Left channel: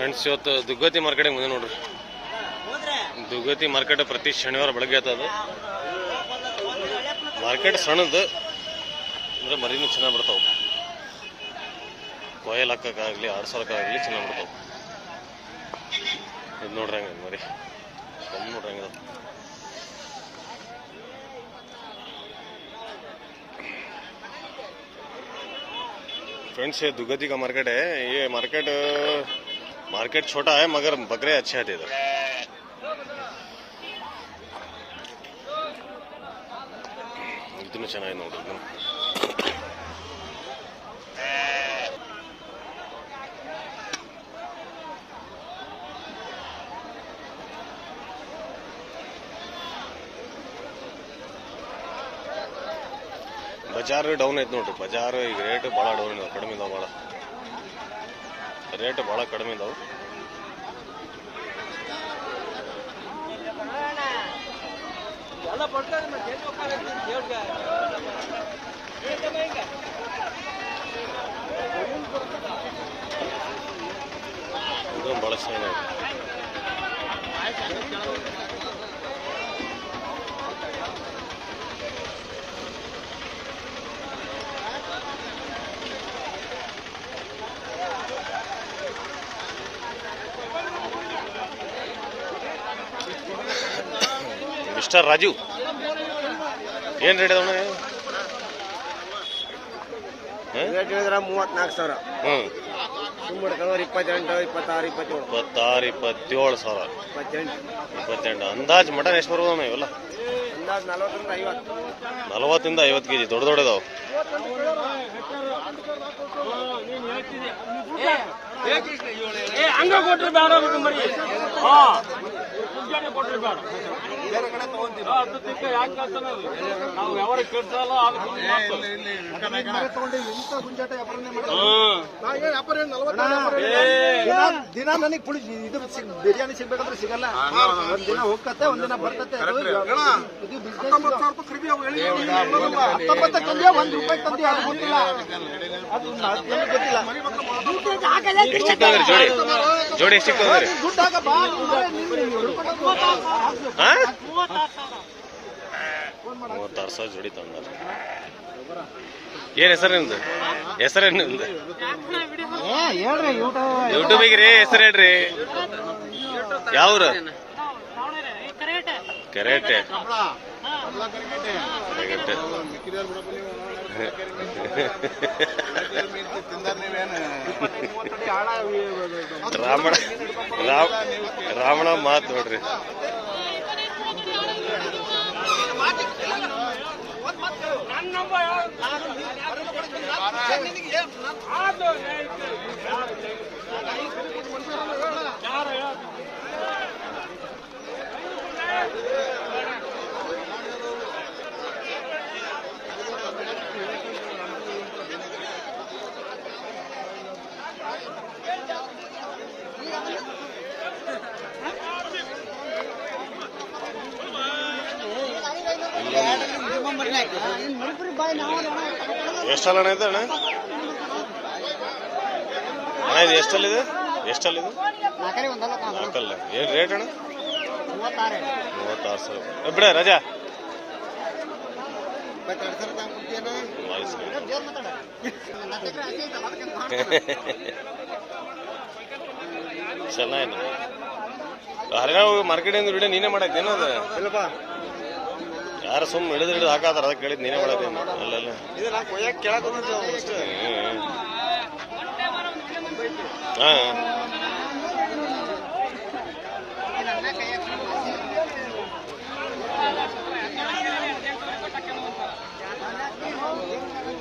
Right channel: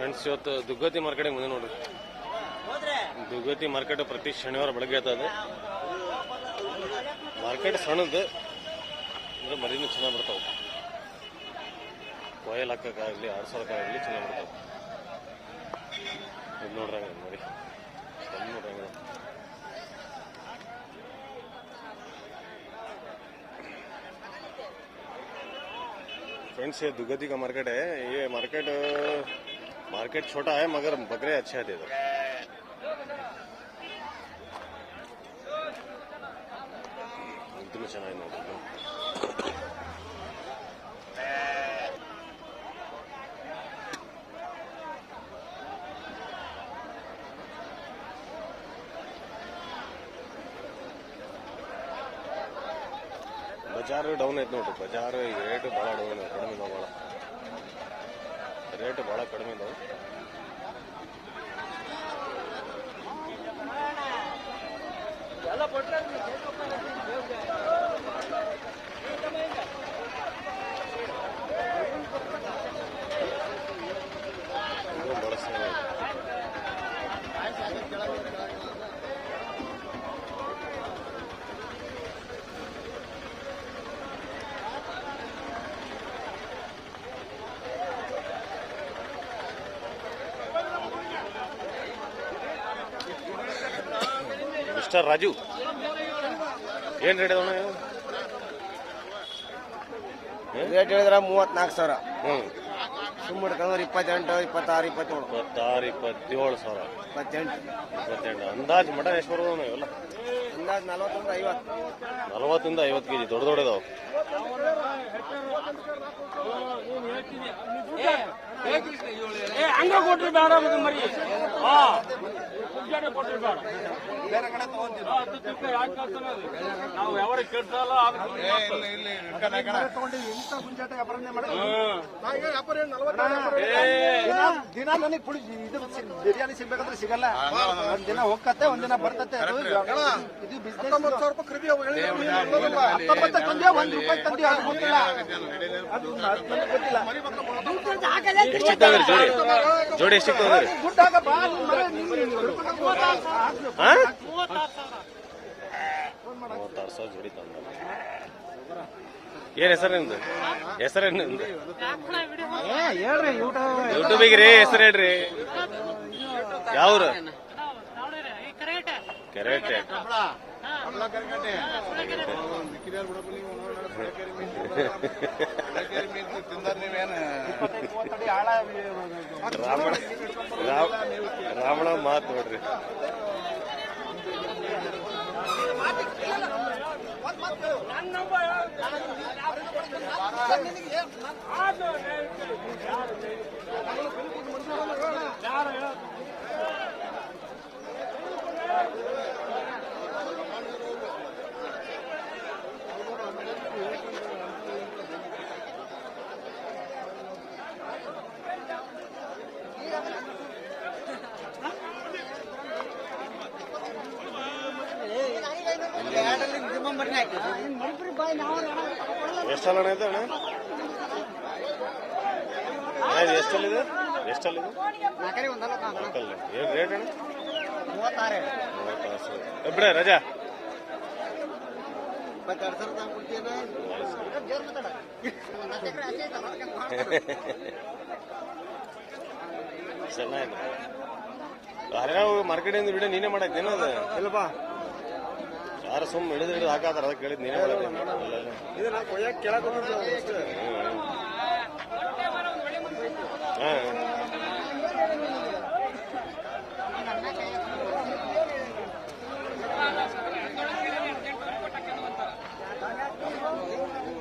Friends ಇವತ್ತು ದುಗ್ಗತಿ ಮಾರ್ಕೆಟಿಗೆ ಮುಂದೆ ನೋಡ್ರಿ. ದುಗ್ಗತಿ ಮಾರ್ಕೆಟ್ ಪ್ರತಿ ಶನಿವಾರ ಬೆಳಗ್ಗೆ ಅದು. ಮಾರ್ಕೆಟ್ ಸಣ್ಣದು, ಅಂದ್ರೆ ಮರಿನೂ ಚೆನ್ನಾಗಿ ಬಿಡ್ತಾವ ಕೊಯ್ಲ್ ಹಾಕಕ್ಕಾಗಲಿ ಆಡ್ಸೋಕ್ಕಾಗಲಿ ಚೆನ್ನಾಗಿ ಬಿಡ್ತಾವ ಇದು ನೋಡ್ರಿ ಹಂಗೆ ಮರಿ ಕಮ್ಮಿ ನೋಡ್ರಿ ಹಂಗೆ ಫ್ರೆಂಡ್ಸ್ ದುಗ್ಗತಿಗ ಮಾರ್ಕೆಟೇ ಏ ಮಾರ್ಕೆಟ್ मार्केट मार्केट छोटा है मगर बकरे अच्छे आते इधर ಇದನ್ನು ಚೆನ್ನಾಗಿ ನೋಡ್ರಿ ಬಜಾರ್ ಡೌನ್ ಐತೆ ನೋಡ್ರಿ ಬಜಾರ್ ಈಗ ರೇಟ್ ಭಾಳ ಡೌನ್ ಇದಾವೆ ಕಡಿಮೆ ಇದಾವೆ ಭಾಳ ರೇಟ್ ಭಾಳ ಕಡಿಮೆ ಇದಾವೆ. ಇದು ಭಾಳ ಚೆನ್ನಾಗಿದೆ. ಮಿಸ್ಟರ್ ರಾಜು. ಏನು ರೇಟ್? ಹ? ರೇಟ್ ಹೇಳಿದ್ರೆ ಮೂವತ್ನಾಲ್ಕು ಸಾವಿರ. ಹ್ಮ್. ಸುಮ್ಮಡ್ಕೊಂಡ್ರೆ ಇಪ್ಪತ್ತೆಂಟು ಇಪ್ಪತ್ತಾರು ಇಪ್ಪತ್ತೇಳು. ಇಪ್ಪತ್ತಾರು ಇಪ್ಪತ್ತೇಳು ಸಾವಿರ. ಇಪ್ಪತ್ತೆಂಟು. ಇಪ್ಪತ್ತೆಂಟು. ಅಂದಾಜು ಮಟನ್ ಎಷ್ಟು ಬರ್ಬೋದು ಇವೆಲ್ಲ? ಅಂದಾಜು ನಲ್ವತ್ತರಿಂದ ಐವತ್ತು. ನಲವತ್ತಿಂದ ಐವತ್ತು ಕೆಜಿ. ದೊಡ್ಡ ದೊಡ್ಡದಾವು. ಹಂಗ ಕೊಟ್ರಿ ಬೇಡ ಅದು ತಿಕ್ಕ ಯಾಕೆ ಕಳ್ತಾನ ಅದು? ನಾವು ಕೇಳ್ಸಲ್ಲ ದಿನ ನನಗೆ ಪುಳಿ ಇದು ಸಿಗ್- ಬಿರಿಯಾನಿ ಸಿಗ್ಬೇಕಂದ್ರೆ ಸಿಗಲ್ಲ. ಒಂದ್ ದಿನ ಹೋಗತ್ತೆ ಒಂದ್ ದಿನ ಬರ್ತತೆ. ಅದು ಇದು ಬಿಸ್ನೆಸ್ ಹತ್ತೊಂಬತ್ತು ತಂದ್ಯಾ ಒಂದ್ ರೂಪಾಯಿ ತಂದ್ಯಾ ಅದು ಗೊತ್ತಿಲ್ಲ. ಅದು ಗೊತ್ತಿಲ್ಲ. ಜೋಡಿ ಬಾ, ನೀನು ಹಿಡ್ಕೊಂಡು ಹಾಕು. ಹಾ ಮೂವತ್ತಾರು ಸಾವಿರ ಜೋಡಿ ತಗೊಂಡ ಏನ್ ಹೆಸರು ನಿಮ್ದು? ಹೆಸರೇನು ನಿಮ್ದು? ಯೂಟ್ಯೂಬಿಗೆ ರೀ ಹೆಸರು ಹೇಳ್ರಿ. ಯಾವ್ರ ಕರೆಕ್ಟ್ ಕೆರೆಗಟ್ಟೆ. ರಾಮಣ ರಾಮ ರಾಮಣ ಮಾತು ನೋಡ್ರಿ. ಎಷ್ಟಲ್ಲ ಅಣ್ಣ ಇದೆ ಅಣ್ಣ? ಅಣ್ಣ, ಇದು ಎಷ್ಟಲ್ಲಿದೆ? ಎಷ್ಟಲ್ಲಿದೆ? ನಾಲ್ಕಲ್ಲ. ಏನು ರೇಟ್ ಅಣ್ಣ? ಮೂವತ್ತಾರು ಸಾವಿರ. ಬಿಡ, ರಜಾ. ಚೆನ್ನಾಗಿದೆ ಹರಿಯಾಣ ಮಾರ್ಕೆಟಿಂದ ವಿಡಿಯೋ ನೀನೇ ಮಾಡಕ್ಕೆ ಅದು ಇಲ್ಲಪ್ಪ ಯಾರು ಸುಮ್ಮ ಹಿಡಿದು ಹಿಡಿದು ಹಾಕಾತಾರ ಅದಕ್ಕೆ ಹೇಳಿದ್ ನೀನೇ ಒಳಗೆ. ಅಲ್ಲ ಅಲ್ಲ ಇದು ನಾ ಕೊಯ್ಯಕ್ಕೆ ಕೇಳಕ್ ಬಂದಿದ್ದು ಅಷ್ಟೇ? ಹ್ಮ್.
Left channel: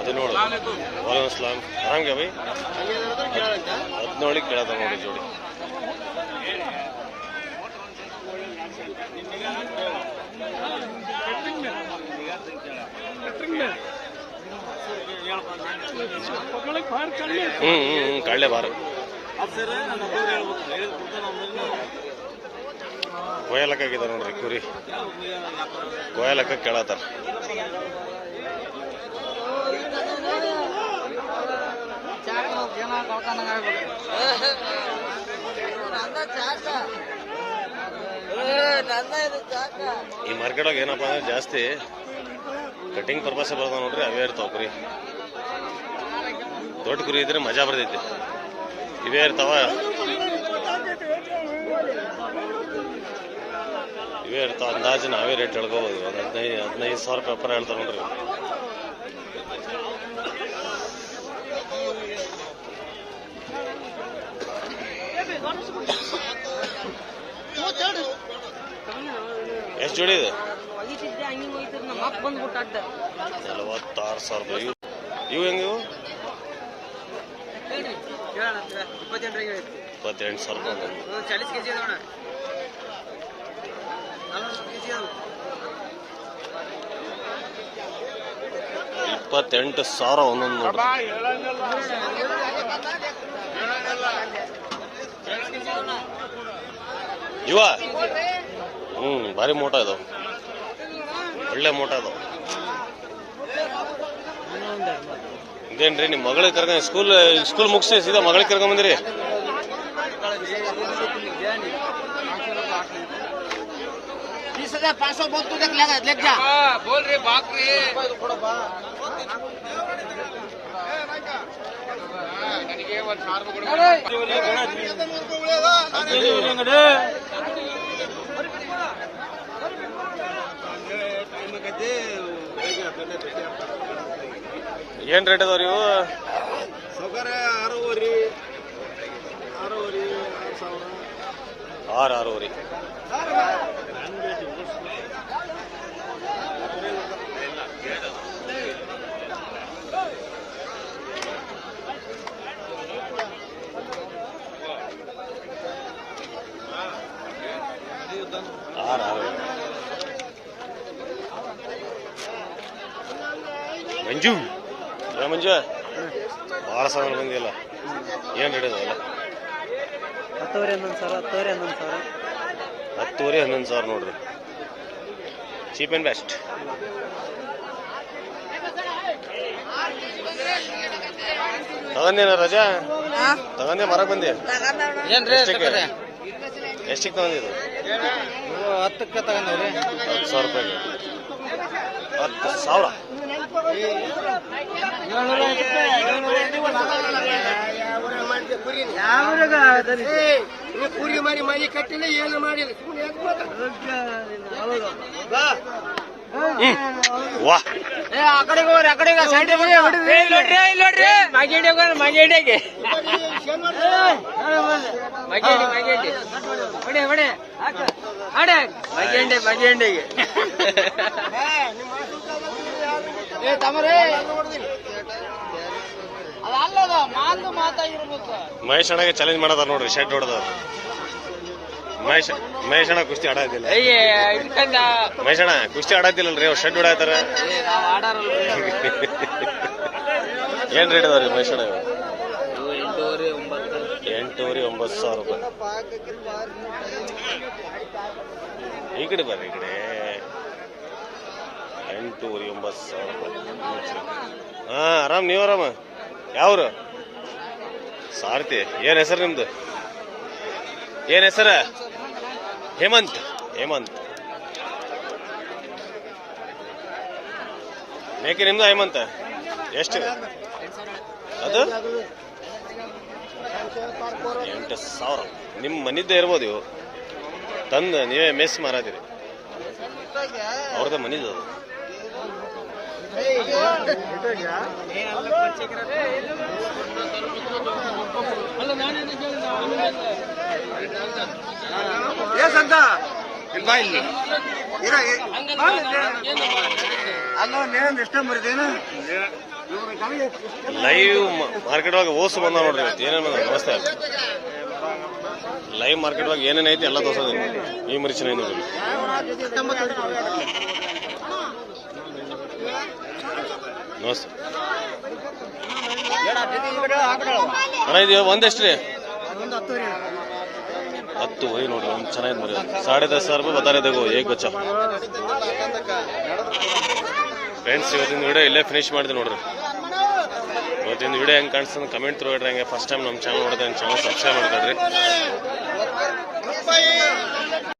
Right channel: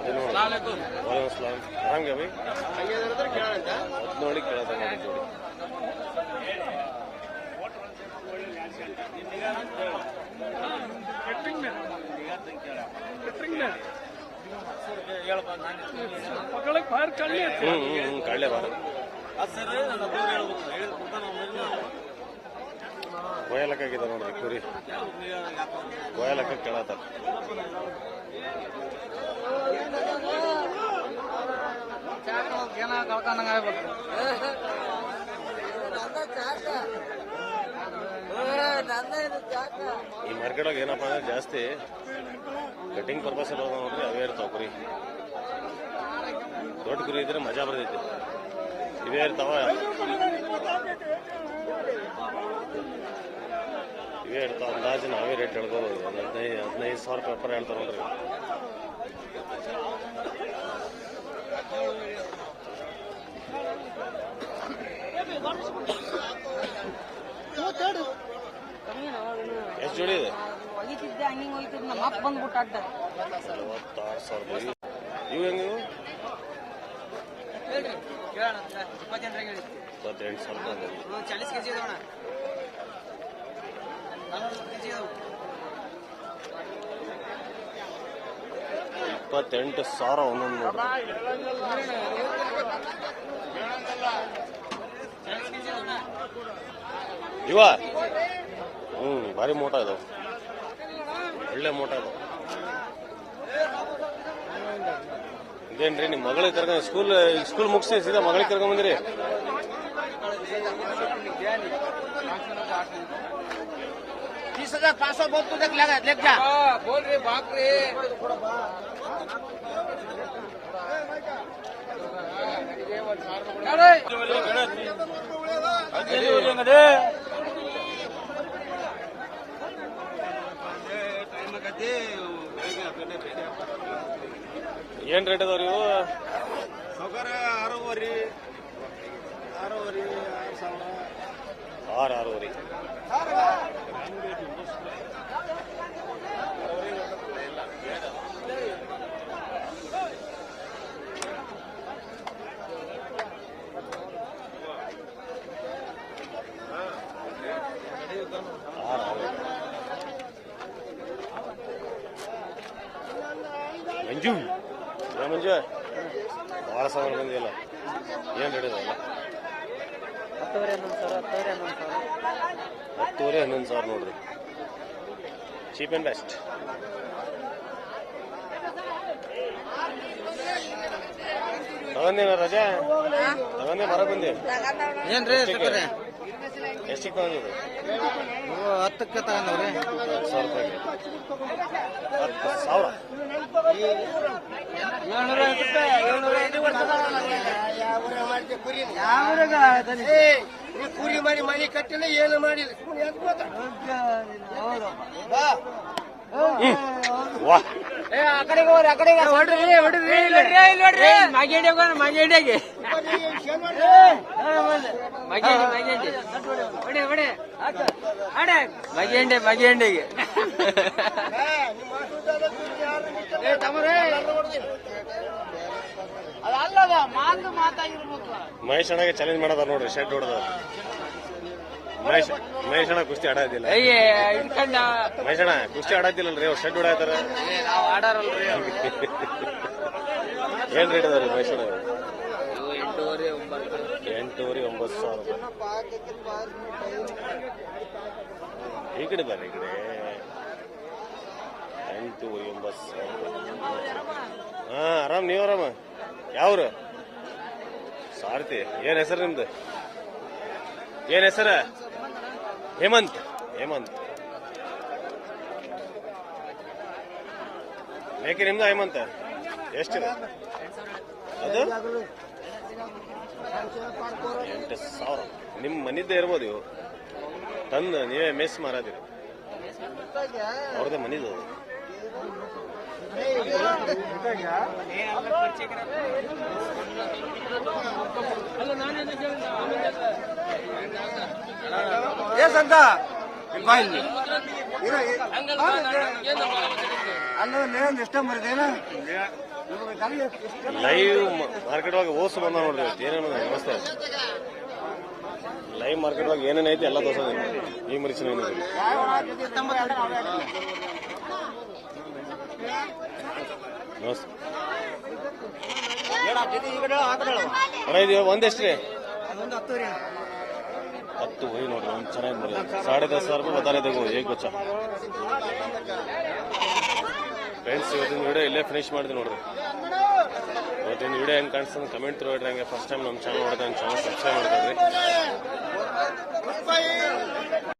ಅದು ನೋಡು. ವಾಲೇಕುಮ್ ಅಸ್ಲಾಂ ಆರಾಮ್ಗೆ ಬೈ. ಹದಿನೇಳಿಗೆ ಕೇಳತ್ತ ನೋಡಿ ಜೋಡಿ. ಹ್ಞೂ ಹ್ಮ್ ಹ್ಮ್, ಕಳ್ಳೆ ಬಾರ. ಕೊಯ್ಯಲಕ್ಕಾಗಿದೆ ನೋಡ್ರಿ ಕುರಿ. ಕೊಯ್ಯಲಕ್ಕ ಕೇಳತ್ತಾರ. ಈ ಮಾರ್ಕೆಟ್ ಏನಪ್ಪ ಅಂದ್ರೆ ಜಾಸ್ತಿ ಕಟಿಂಗ್ ಪರ್ಪಸ್ ಬರ್ತಾವ ನೋಡ್ರಿ, ಅವೇ ಇರ್ತಾವ ಕುರಿ. ದೊಡ್ಡ ಕುರಿ ಇದ್ರೆ ಮಜಾ ಬರ್ತೈತಿ. ಇವೇ ಇರ್ತಾವ. ಇವೇ ಇರ್ತಾವ. ಅಂದಾಜು ನಾವೇ ರೇಟ್ ಹೇಳ್ಕೋಬೋದು. ಒಂದು ಹದಿನೈದು ಹದಿನೈದು ಸಾವಿರ ರೂಪಾಯಿ ಹೇಳ್ತಾರೆ ನೋಡ್ರಿ. ಎಷ್ಟು ಜೋಡಿ ಇದೆ? ನಲವತ್ತಾರು ಸಾವಿರ ರೂಪಾಯಿ. ಇವು ಇವು ಹೆಂಗೆ ಇವು ಇಪ್ಪತ್ತೆಂಟು ಸಾವಿರ ಇಪ್ಪತ್ತೆಂಟು ಸಾವಿರ ಒಂದೊಂದು ನೋಡ್ರಿ. ಇವ? ಹ್ಞೂ ಭಾರಿ ಮೋಟ ಇದಾವೆ. ಒಳ್ಳೆ ಮೋಟ ಇದಾವ. ಇದೇನ್ರಿ ನಿಮ್ಮ ಮಗಳಿಗೆ ಕರ್ಕೊಂಡು ಸ್ಕೂಲ್ ಸ್ಕೂಲ್ ಮುಗಿಸಿ ಸೀದಾ ಮಗಳಿಗೆ ಕರ್ಕೊಂಡ್ ಬಂದ್ರಿ ಟೈಮ್ ಕತ್ತಿ ಏನ್ ರೇಟ್ ಅದಾವ್ರಿ ಇವು ಸೌಕರ್ಯ ಆರೂವರೆ ಆರೂವರೆ ಆರು ಸಾವಿರ. ಆರು ಆರೂವರೆ. ಮಂಜು. ಏ ಮಂಜು ಭಾಳ ಸಾವಿರ ಬಂದಿಲ್ಲ. ಏನು ಅದಾವಲ್ಲ ಹತ್ತುವರೆ ಹನ್ನೊಂದು ಸಾವಿರ ಹತ್ತುವರೆ ಹನ್ನೊಂದು ಸಾವಿರ. ಹತ್ತುವರೆ ಹನ್ನೊಂದು ಸಾವಿರ ನೋಡ್ರಿ. ಚೀಪ್ ಆ್ಯಂಡ್ ಬೆಸ್ಟ್ ತಗೊಂಡೇನ ರಜಾ? ತಗೊಂಡೆ ಮರಕ್ ಬಂದೆ. ಎಷ್ಟಕ್ಕೆ? ಎಷ್ಟಕ್ಕೆ ತಗೊಂಡಿದ್ದು? ಹತ್ತಕ್ಕೆ ತಗೊಂಡ್ರಿ ಹತ್ತು ಸಾವಿರ ರೂಪಾಯಿಗೆ. ಹತ್ತು ಸಾವಿರ? ಕೂಲಿ ಮಾಡಿ ಮನೆ ಕಟ್ಟಿಲ್ಲ ಏನು ಮಾಡಿಲ್ಲ ವಾ ಆ ಕಡೆಗೆ ಹೋಗ್ರಿ ಆ ಕಡೆಗೆ ಸೈಡ್ ಅದಲ್ಲದ ಮಾತು ಮಾತಾಗಿರ್ಬೇಕು ಮಹೇಶ್ ಅಣ್ಣಗೆ ಚಾಲೆಂಜ್ ಮಾಡದ ನೋಡ್ರಿ ಶೆಡ್ ಹೊಡೆದ. ಮಹೇಶ್ ಮಹೇಶ್ ಅಣ್ಣ ಕುಸ್ತಿ ಆಡೋದಿಲ್ಲ. ಮಹೇಶ್ ಅಣ್ಣ ಕುಸ್ತಿ ಆಡೋದಿಲ್ಲಲ್ರಿ ಅವ್ರು ಶೆಡ್ ಹೊಡಾತಾರ ಏನ್ ರೇಟ್ ಅದಾವ್ರಿ ಮಹೇಶ್ ಅಣ್ಣ ಎಂಟೂವರೆ ಒಂಬತ್ತು ಸಾವಿರ ರೂಪಾಯಿ. ಈ ಕಡೆ ಬರ್ರಿ ಈ ಕಡೆ. ಎಂಟೂವರೆ ಎಂಬತ್ತು ಸಾವಿರ ರೂಪಾಯಿ. ಹಾ, ಆರಾಮ್, ನೀವು ಆರಾಮ? ಯಾವ್ರು? ಸಾರಥಿ. ಏನು ಹೆಸರು ನಿಮ್ದು? ಏನು ಹೆಸರ? ಹೇಮಂತ್. ಹೇಮಂತ್. ಮೇಕೆ ನಿಮ್ದು ಹೇಮಂತ? ಎಷ್ಟಿದೆ? ಅದು? ಎಂಟು ಸಾವಿರ. ನಿಮ್ಮ ಮನಿದ್ದೇ ಇರ್ಬೋದು ಇವು. ತಂದು ನೀವೇ ಮೆಸ್ ಮಾರಾದಿರಿ ಅವ್ರದ್ದೇ ಮನಿದು ಅದು. ಮರಿದೇನ ಲೈವ್ ಮಾರ್ಕೆಟ್ ಒಳಗೆ ಓಸು ಬಂದ ನೋಡ್ರಿ ಇವತ್ತು. ಏನೇನು ಬಂದ? ನಮಸ್ತೆ. ಲೈವ್ ಮಾರ್ಕೆಟ್ ಒಳಗೆ ಏನೇನೈತಿ ಎಲ್ಲ ತೋರ್ಸೋದೇನು ಈ ಮರಿಚಿನ ಏನು ನಮಸ್ತೆ ಅಣ್ಣ, ಇದು ಒಂದೆಷ್ಟು ರೀ ಹತ್ತು, ಹೋಯ್ ನೋಡ್ರಿ, ಒಂದು ಚೆನ್ನಾಗಿದೆ ಮರಿ ಸಾಡೆ ದಸ್ ಸಾವಿರ ರೂಪಾಯಿ ಬತ್ತಾರೆ ತಗೋ, ಹೇಗ್ ಬಚ್ಚ ಫ್ರೆಂಡ್ಸ್ ಇವತ್ತಿನ ವಿಡಿಯೋ ಇಲ್ಲೇ ಫಿನಿಶ್ ಮಾಡಿದೆ ನೋಡ್ರಿ. ಇವತ್ತಿನ ವಿಡಿಯೋ ಹೆಂಗೆ ಕಾಣಿಸ್ತದೆ ಕಮೆಂಟ್ ಥ್ರೂ ಹೇಳ್ರಿ, ಹಂಗೆ ಫಸ್ಟ್ ಟೈಮ್ ನಮ್ಮ ಚಾನಲ್ ನೋಡಿದ್ರೆ ಚಾನಲ್ ಸಬ್ಸ್ಕ್ರೈಬ್ ಮಾಡ್ಕೊಳ್ರಿ.